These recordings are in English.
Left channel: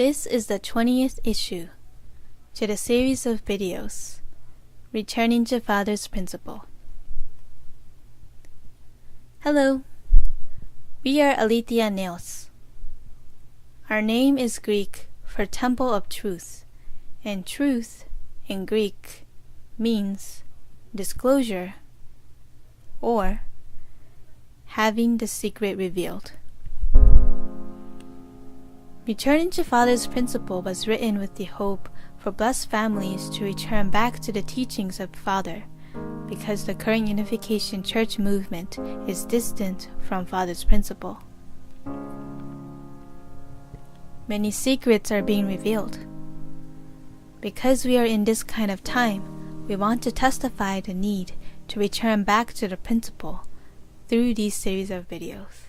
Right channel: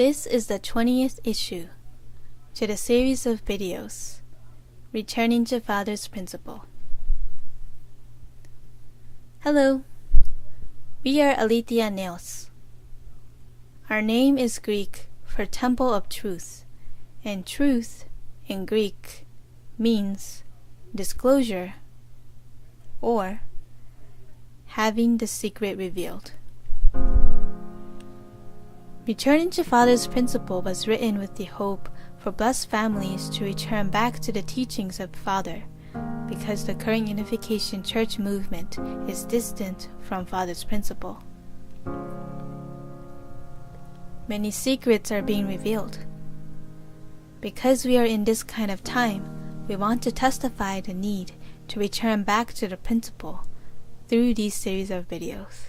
This is the 20th issue to the series of videos, Returning to Father's Principle. Hello, we are Aletheia Nails. Our name is Greek for Temple of Truth, and truth in Greek means disclosure or having the secret revealed. Returning to Father's Principle was written with the hope for blessed families to return back to the teachings of Father, because the current Unification Church movement is distant from Father's Principle. Many secrets are being revealed. Because we are in this kind of time, we want to testify the need to return back to the principle through these series of videos.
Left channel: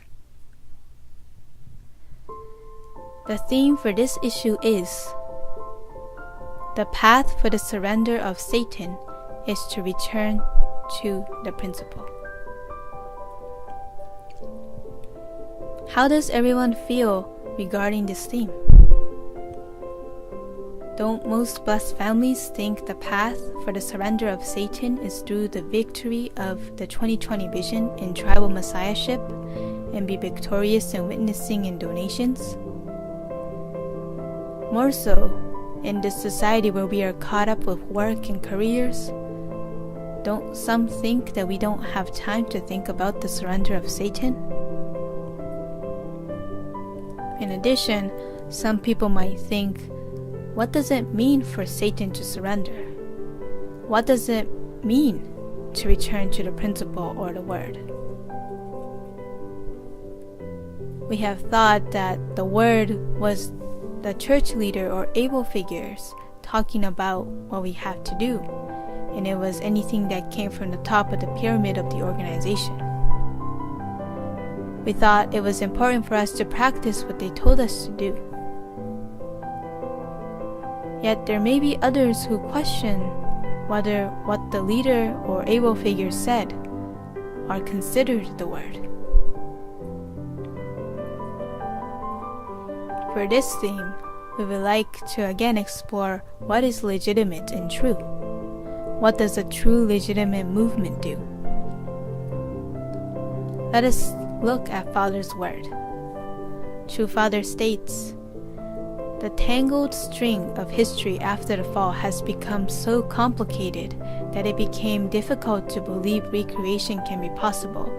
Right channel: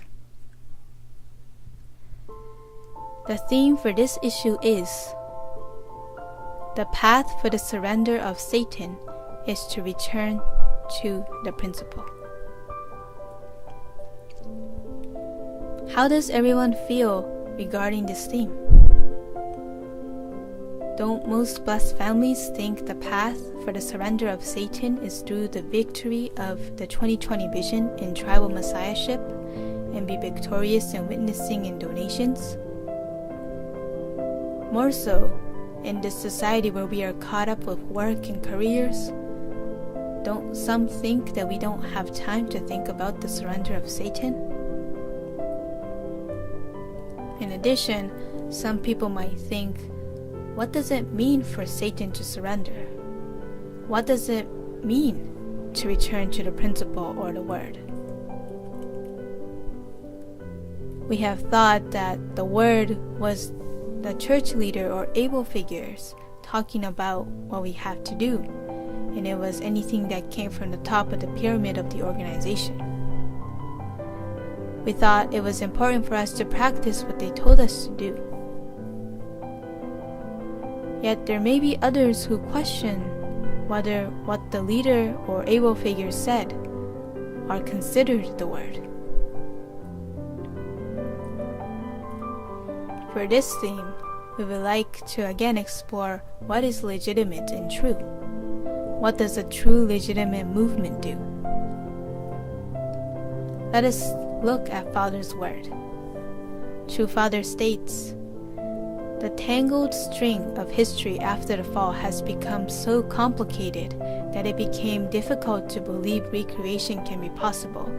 The theme for this issue is the path for the surrender of Satan is to return to the principle. How does everyone feel regarding this theme? Don't most blessed families think the path for the surrender of Satan is through the victory of the 2020 vision in tribal messiahship and be victorious in witnessing and donations? More so, in this society where we are caught up with work and careers, don't some think that we don't have time to think about the surrender of Satan? In addition, some people might think, what does it mean for Satan to surrender? What does it mean to return to the principle or the word? We have thought that the word was the church leader or able figures talking about what we have to do, and it was anything that came from the top of the pyramid of the organization. We thought it was important for us to practice what they told us to do. Yet there may be others who question whether what the leader or able figure said are considered the word. For this theme, we would like to again explore what is legitimate and true. What does a true legitimate movement do? Let us look at Father's word. True Father states, "The tangled string of history after the fall has become so complicated that it became difficult to believe recreation can be possible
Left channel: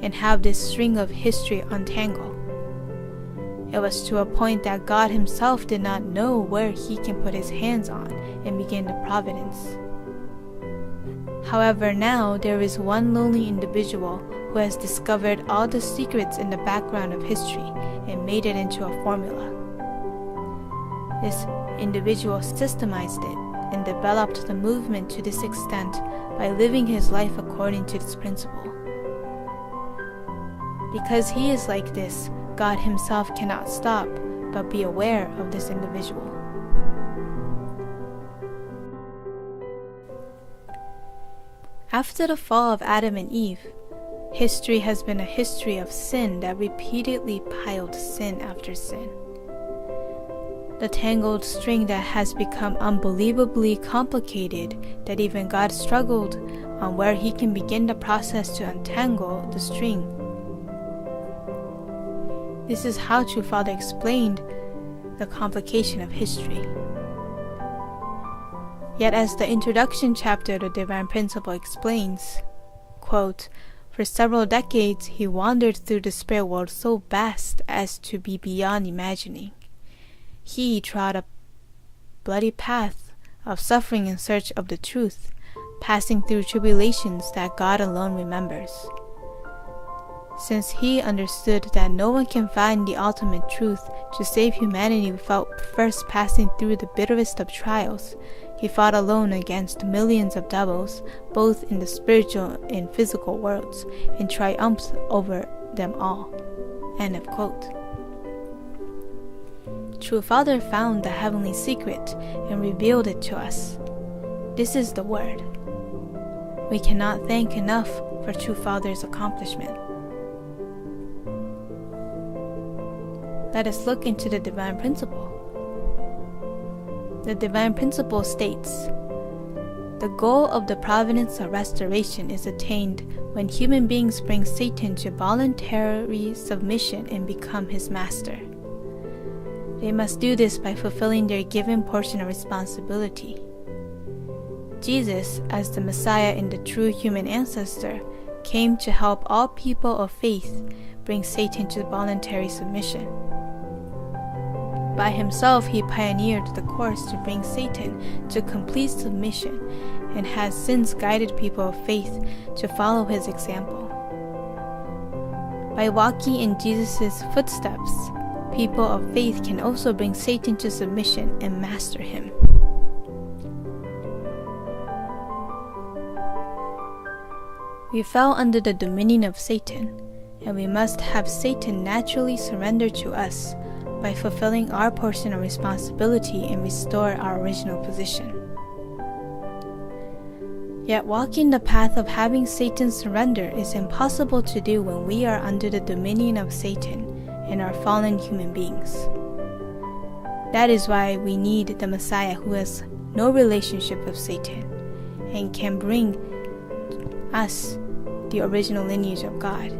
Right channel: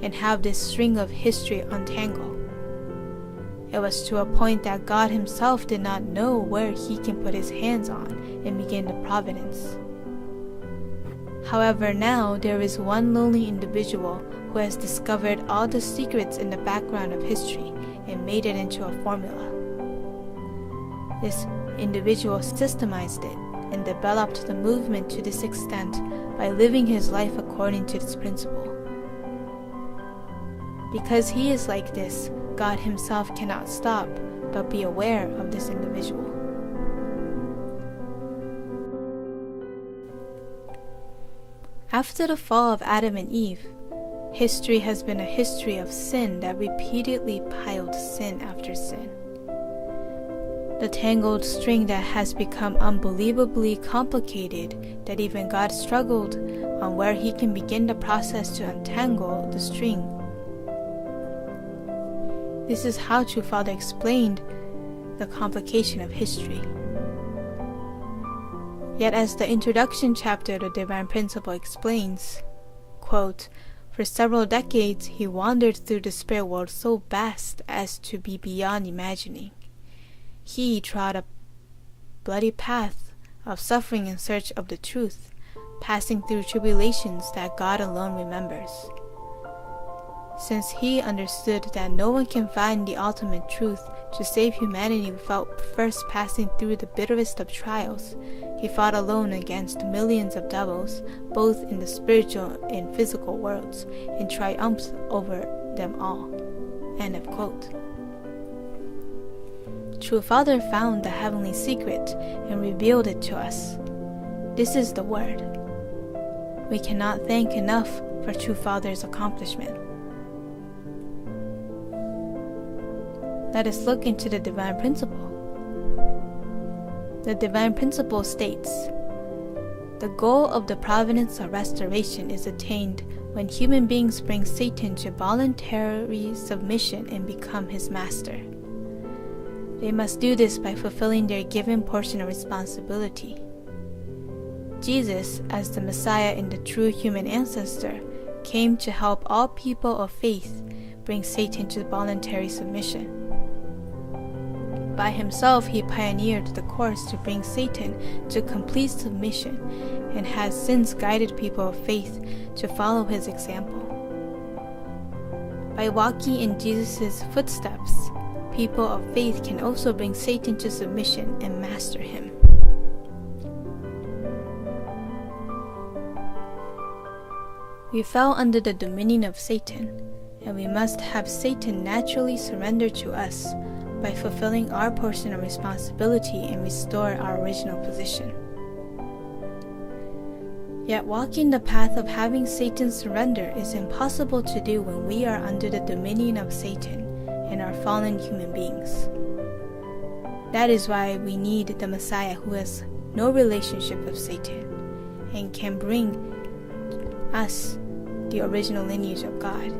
and have this string of history untangle. It was to a point that God himself did not know where he can put his hands on and begin the providence. However, now there is one lonely individual who has discovered all the secrets in the background of history and made it into a formula. This individual systemized it and developed the movement to this extent by living his life according to this principle. Because he is like this, God himself cannot stop but be aware of this individual." After the fall of Adam and Eve, history has been a history of sin that repeatedly piled sin after sin. The tangled string that has become unbelievably complicated that even God struggled on where he can begin the process to untangle the string. This is how True Father explained the complication of history. Yet as the introduction chapter of the Divine Principle explains, quote, "For several decades he wandered through the spirit world so vast as to be beyond imagining. He trod a bloody path of suffering in search of the truth, passing through tribulations that God alone remembers. Since he understood that no one can find the ultimate truth to save humanity without first passing through the bitterest of trials, he fought alone against millions of devils, both in the spiritual and physical worlds, and triumphed over them all." End of quote. True Father found the heavenly secret and revealed it to us. This is the word. We cannot thank enough for True Father's accomplishment. Let us look into the Divine Principle. The divine principle states, "The goal of the providence of restoration is attained when human beings bring Satan to voluntary submission and become his master. They must do this by fulfilling their given portion of responsibility. Jesus, as the Messiah and the true human ancestor, came to help all people of faith bring Satan to voluntary submission. By himself, he pioneered the course to bring Satan to complete submission and has since guided people of faith to follow his example. By walking in Jesus' footsteps, people of faith can also bring Satan to submission and master him." We fell under the dominion of Satan, and we must have Satan naturally surrender to us by fulfilling our portion of responsibility and restore our original position. Yet walking the path of having Satan surrender is impossible to do when we are under the dominion of Satan and are fallen human beings. That is why we need the Messiah who has no relationship with Satan and can bring us the original lineage of God,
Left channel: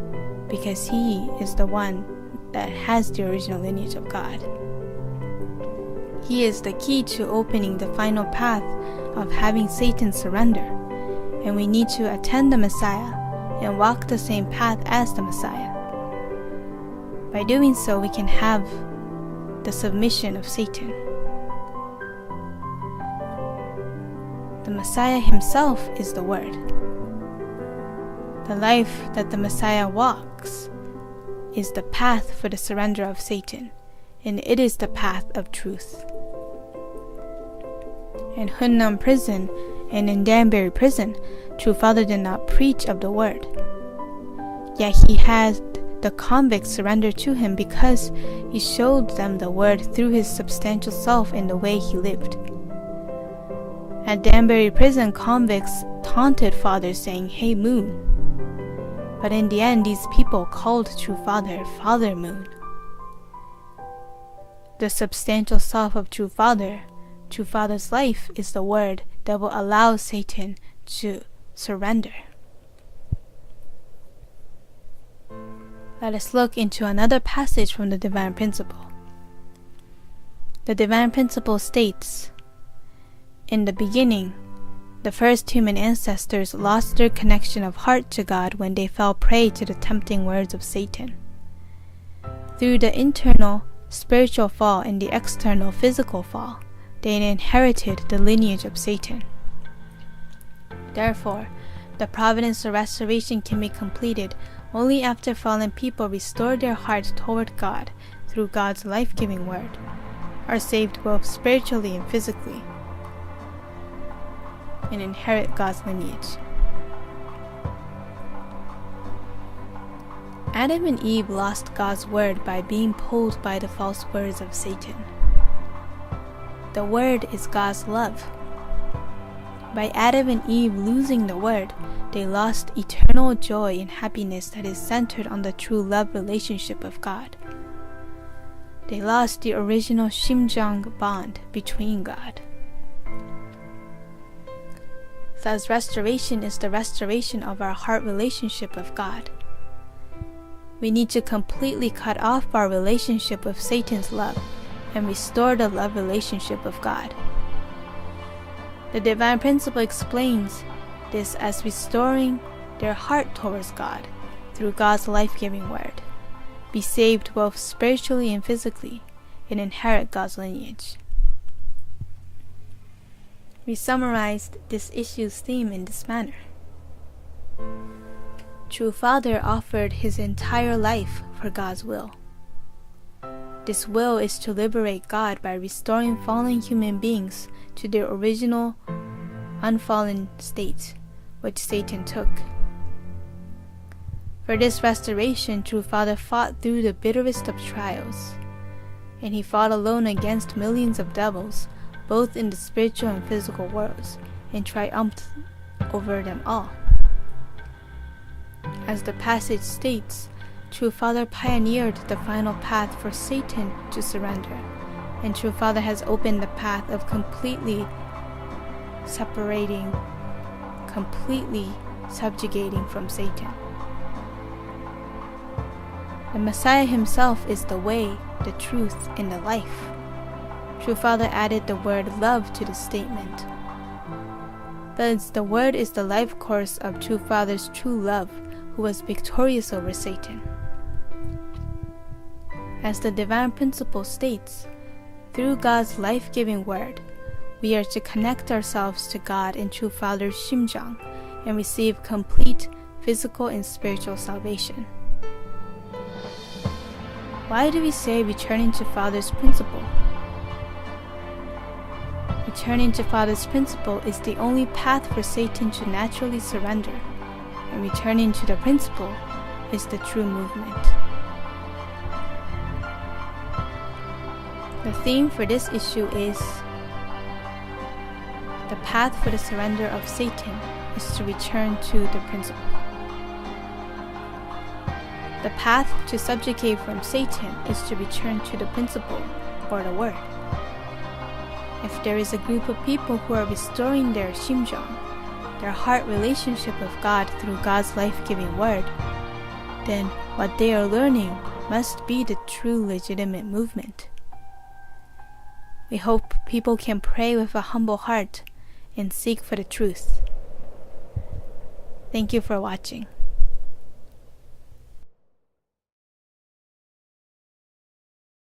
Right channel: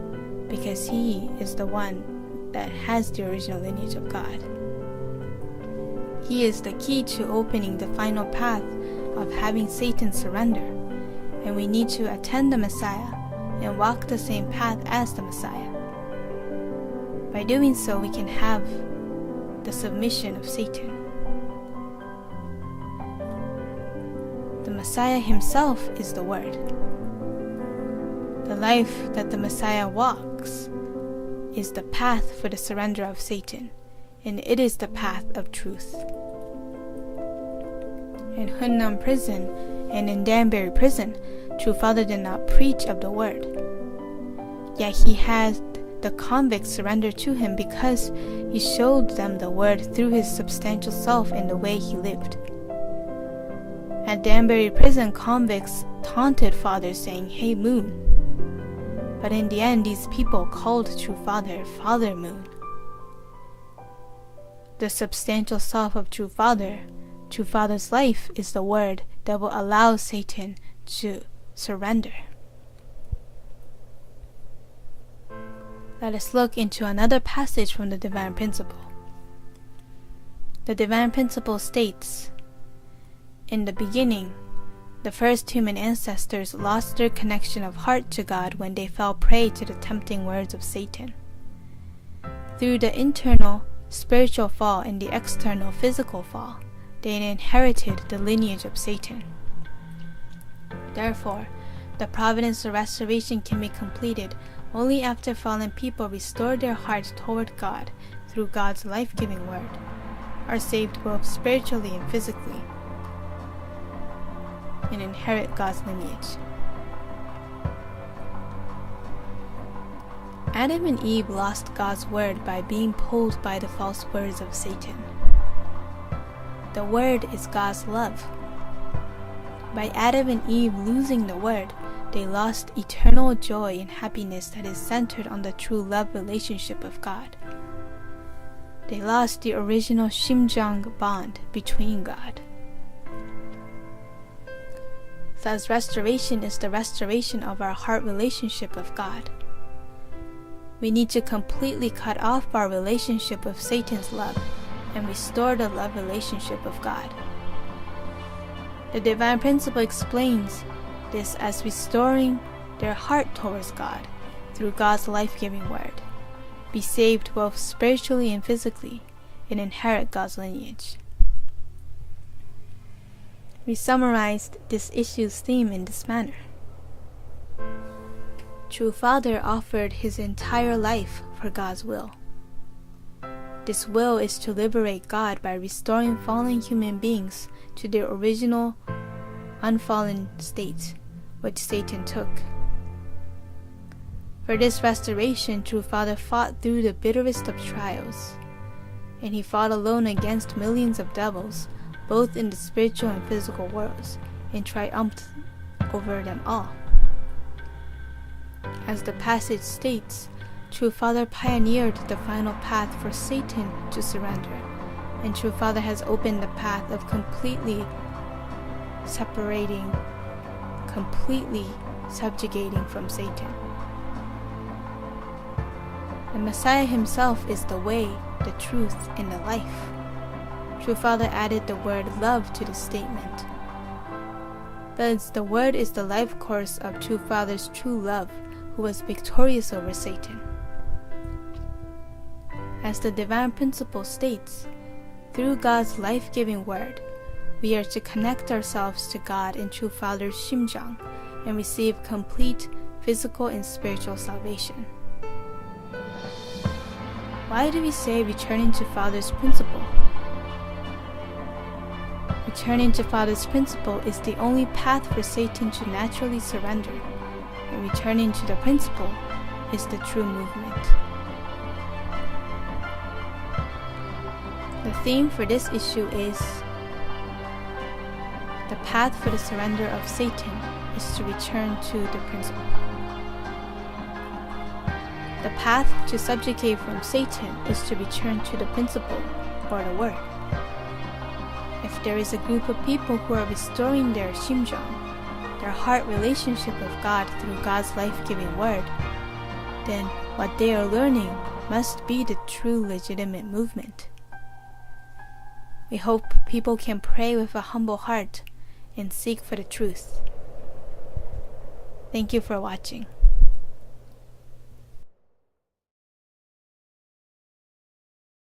because he is the one that has the original lineage of God. He is the key to opening the final path of having Satan surrender, and we need to attend the Messiah and walk the same path as the Messiah. By doing so, we can have the submission of Satan. The Messiah himself is the Word. The life that the Messiah walks is the path for the surrender of Satan, and it is the path of truth. In Hunnam prison and in Danbury prison, True Father did not preach of the Word. Yet he had the convicts surrender to him because he showed them the Word through his substantial self in the way he lived. At Danbury prison, convicts taunted Father saying, "Hey Moon." But in the end, these people called True Father, Father Moon. The substantial self of True Father's life is the Word that will allow Satan to surrender. Let us look into another passage from the Divine Principle. The Divine Principle states, "In the beginning, the first human ancestors lost their connection of heart to God when they fell prey to the tempting words of Satan. Through the internal spiritual fall and the external physical fall, they inherited the lineage of Satan. Therefore, the providence of restoration can be completed only after fallen people restore their hearts toward God through God's life-giving word, are saved both spiritually and physically, and inherit God's lineage." Adam and Eve lost God's word by being pulled by the false words of Satan. The word is God's love. By Adam and Eve losing the word, they lost eternal joy and happiness that is centered on the true love relationship of God. They lost the original Shimjang bond between God. Thus, restoration is the restoration of our heart relationship with God. We need to completely cut off our relationship with Satan's love and restore the love relationship of God. The Divine Principle explains this as restoring their heart towards God through God's life-giving word, be saved both spiritually and physically, and inherit God's lineage. We summarized this issue's theme in this manner. True Father offered his entire life for God's will. This will is to liberate God by restoring fallen human beings to their original unfallen state, which Satan took. For this restoration, True Father fought through the bitterest of trials, and he fought alone against millions of devils, both in the spiritual and physical worlds, and triumphed over them all. As the passage states, True Father pioneered the final path for Satan to surrender, And True Father has opened the path of completely separating, completely subjugating from Satan. The Messiah himself is the way, the truth, and the life. True Father added the word love to the statement. Thus, the word is the life course of True Father's true love, who was victorious over Satan. As the divine principle states, through God's life-giving word, we are to connect ourselves to God in True Father's Shimjang and receive complete physical and spiritual salvation. Why do we say returning to Father's principle? Returning to Father's principle is the only path for Satan to naturally surrender, and returning to the principle is the true movement. The theme for this issue is the path for the surrender of Satan is to return to the principle. The path to subjugate from Satan is to return to the principle or the word. If there is a group of people who are restoring their Shimjang, their heart relationship with God through God's life-giving word, then what they are learning must be the true legitimate movement. We hope people can pray with a humble heart and seek for the truth. Thank you for watching.